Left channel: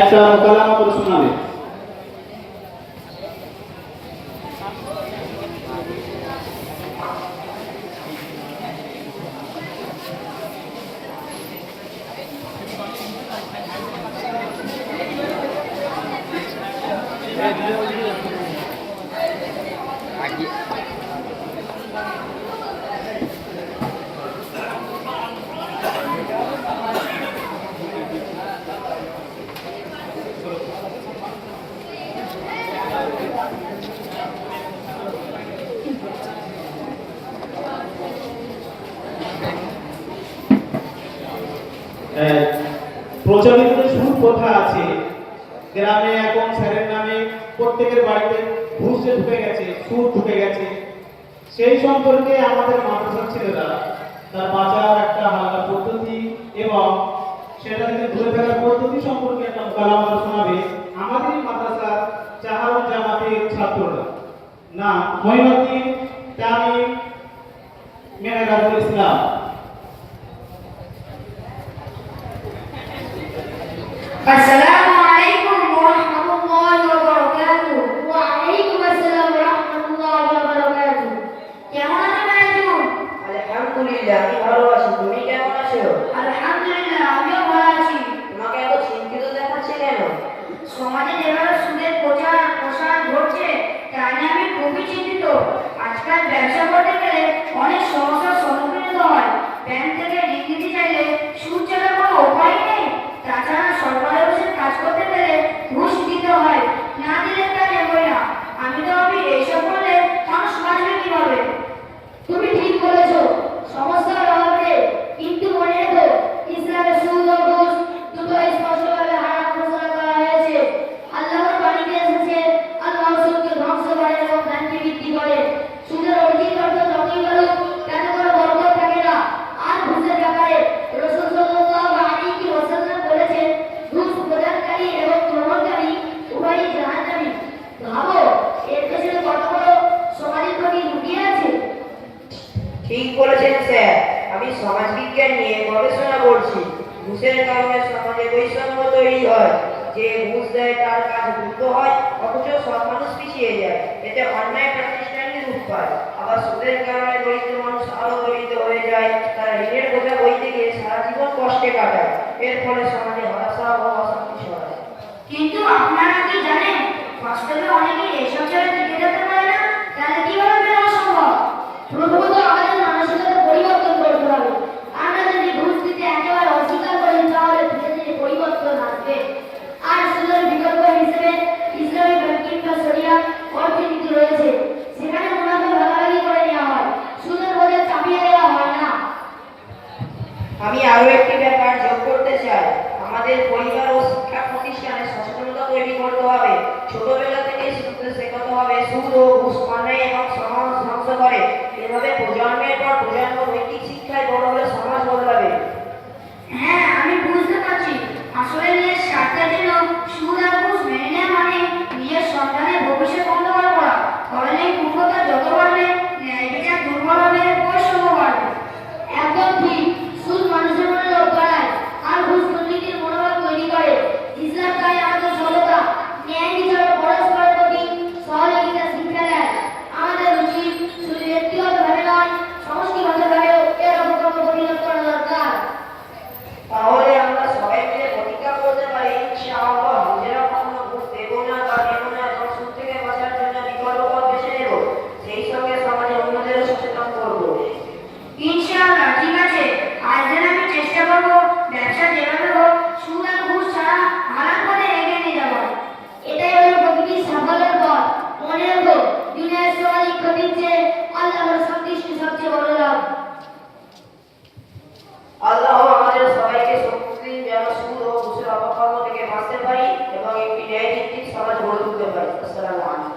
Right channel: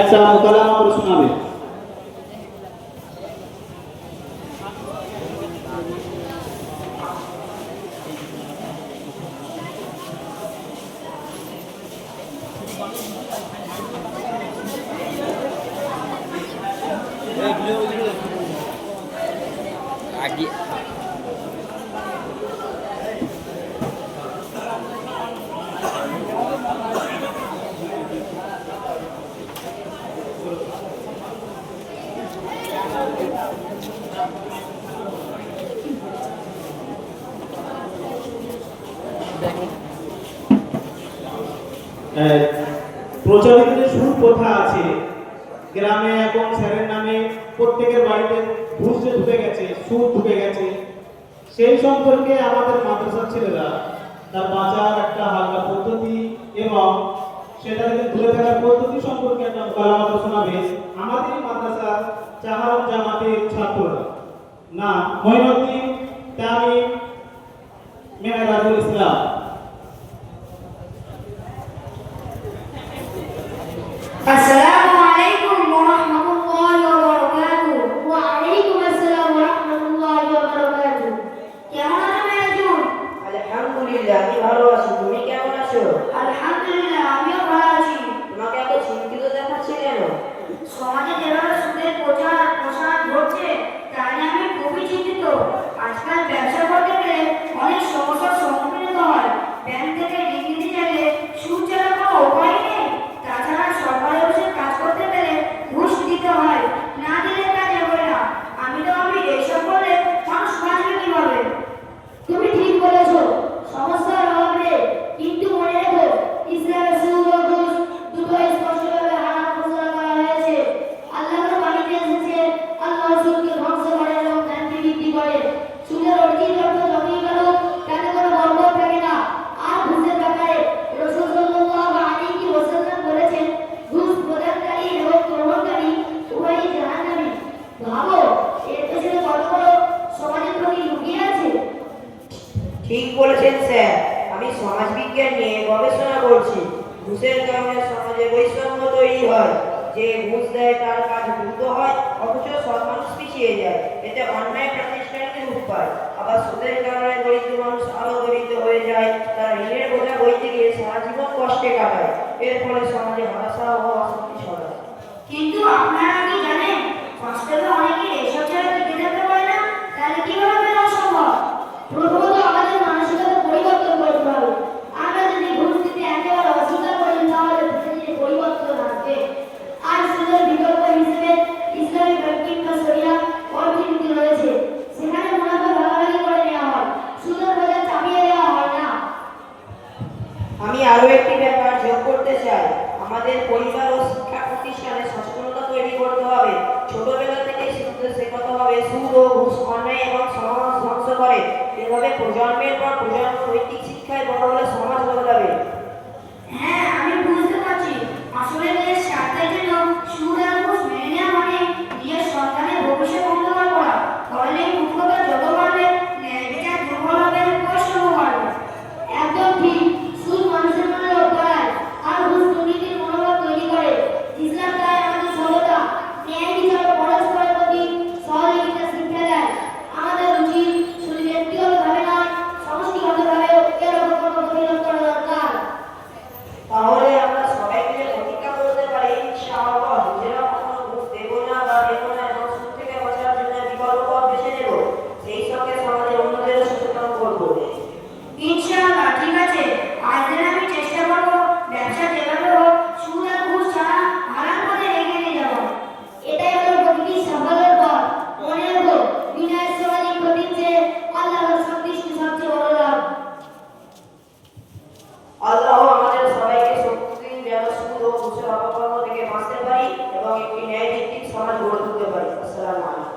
একটা মোকালামা করে শোনাবে। প্রচলিত সুপ্রথা আছে, গ্রামে এখন স্যারের নামে প্রত্যেকের বাড়িতে ঘুষ যে ঢুকে গেছে, সুদ ঢুকে গেছে, সেই সম্পর্কে আমাদের মাদ্রাসার ছেলেরা তার বাঁচার একটা হালকা পদ্ধতি এবং সেটা থেকে দূরে থাকার পদ্ধতি সম্পর্কে একটা মোকালামা শোনাবে আমাদের মাদ্রাসার চাহারুল জামাতের ছাত্ররা। না মঈনুদ্দিন তামিম মেহরাজুল ইসলাম। আসসালামু আলাইকুম ওয়া রাহমাতুল্লাহি ওয়া বারাকাতুহু। ওয়া আলাইকুম আসসালাম ওয়া রাহমাতুল্লাহি ওয়া বারাকাতুহু। কেমন আছো মেহজুন? আলহামদুলিল্লাহ, আমি ভালো আছি। তুমি কেমন আছো? আলহামদুলিল্লাহ, আমিও ভালো আছি। তোমাকে এত চিন্তিত দেখাচ্ছে কেন? সমাজে যেভাবে সুদের প্রসার ঘটছে তা নিয়ে আমি খুবই চিন্তিত। আজকাল ব্যবসা করতে গেলে অনেক সমস্যার সম্মুখীন হতে হয়। ব্যাংক থেকে ঋণ নিতে চাইলে সুদ ছাড়া কোনো উপায় নেই। তাছাড়া সরকারি অফিসে কাজ করতে গেলে ঘুষ দিতে হয়, না দিলে কাজ এগোয় না। আমি এইসব করলে মানুষ বাঁচবে কিভাবে? তুমি ঠিক বলেছো, সমস্যা হবে, কিন্তু মনে রেখো ইসলামে সুদ ও ঘুষ দুটো স্পষ্টভাবে হারাম ঘোষণা করা হয়েছে। আল্লাহর বাণীতে এসেছে, আল্লাহ সুদকে ধ্বংস করে এবং শান্তি বৃদ্ধি করে। সুদের অর্থিক অর্থ যতই বাড়ুক তাতে কোনো বরকত থাকে না। আর ঘুষের ব্যাপারে রাসূল সাল্লাল্লাহু আলাইহি ওয়াসাল্লাম বলেছেন, ঘুষ প্রদানকারী এবং গ্রহণকারী উভয়ই জাহান্নামী। ভাবো এর পেছনে কত বড় সমাজের প্রতি লুকিয়ে আছে। ঠিক বলেছেন স্যার, আমি সমাজবিজ্ঞান নিয়ে গবেষণা করছি। ঘুষের কারণে সমাজে বৈষম্য তৈরি হয়। যে ঘুষ দেয় তার কাজ দ্রুত হয়, অথচ সব মানুষ পিছিয়ে যায়। এতে অন্যায় প্রতিষ্ঠানকে রূপ পায়। আবার সুদের কারণে দরিদ্র মানুষ আরো দরিদ্র হয়ে যায়। তারা ঋণের বোঝা বইতে গিয়ে সারা জীবন কষ্টে কাটায়। এর ফলে সমাজে হতাশা ও অশান্তি ছড়ায়। কিন্তু আপনারা কি জানেন, বাস্তবে অনেকেই এসব ছেড়ে টিকে যেতে পারে না? তাহলে কিভাবে মেলানো সম্ভব? প্রথমত আমাদের মানসিকতা পরিবর্তন করতে হবে। আমরা যদি ঘুষ দিতে একেবারে অস্বীকার করি তাহলে ধীরে ধীরে পরিবর্তন আসবে। আর সুদের বিকল্প হিসেবে ইসলামী ব্যাংকিং বা শরিয়া অর্থনীতি রয়েছে। সেখানে মুনাফা ভাগাভাগি করে নেওয়া হয়, সুদের বোঝা চাপিয়ে দেওয়া হয় না। আমি আরো একটি ব্যাপার যোগ করতে চাই। আমাদের পরিবার ও শিক্ষা প্রতিষ্ঠানে সচেতনতা তৈরি করতে হবে। ছোটবেলা থেকে শিশুদের শেখাতে হবে সুদ ও ঘুষ অন্যায় এবং সমাজ ধ্বংস করে। এভাবে প্রজন্মের পর প্রজন্ম নৈতিক শিক্ষায় বড় হলে সমাজ বদলাবে। হ্যাঁ, আমি বুঝতে পারছি। আসলে নিজের স্বার্থের জন্য সুদ আর ঘুষ মেনে নেওয়া মানে নিজের সন্তানের ভবিষ্যৎ অন্ধকার করা। ফলে এই মূর্খতা যত বাড়বে, ন্যায় বিচার দুর্বল হবে, বৈষম্য বাড়বে। একদম ঠিক। সুদ মানুষের মনে লোভ বাড়ায়, আর ঘুষ দুর্নীতির মনোভাব তৈরি করে। ইসলাম তাই আমাদের সরলতা, ন্যায় বিচার ও পরস্পরের প্রতি সহযোগিতা শিক্ষা দেয়। আমাদের উচিত শুধু ব্যক্তিগতভাবে নয়, সমষ্টিগতভাবেও এর অপকর্ম প্রতিরোধ করা দরকার। তাহলে আমরা সবাই মিলে প্রতিজ্ঞা করতে পারি, ইনশাআল্লাহ নিজেরা কখনো ঘুষ দেব না বা দেব না এবং সুদ থেকে বাঁচার জন্য বিকল্প পথ বেছে নেব। সেই সঙ্গে সমাজে অন্যদেরও সচেতন করব। ইনশাআল্লাহ, ঠিক আছে। আজ থেকে আমি চেষ্টা করব ব্যবসা যেভাবে হোক সুদ আর ঘুষ ছাড়া হারাম পথে এগিয়ে নিয়ে যাব। এটাই হলো প্রকৃতির সাফল্যের পথ। মনে রেখো, দুনিয়ার সামাজিক ক্ষতির চেয়ে আল্লাহর সন্তুষ্টি সবচেয়ে বড় লাভ। আল্লাহ আমাদের সবাইকে শক্তিশালী যেন সুদ ও ঘুষের অপকর্ম থেকে বাঁচতে পারি এবং একটি ন্যায়ভিত্তিক সমাজ গড়ে তুলতে পারি। আসসালামু আলাইকুম।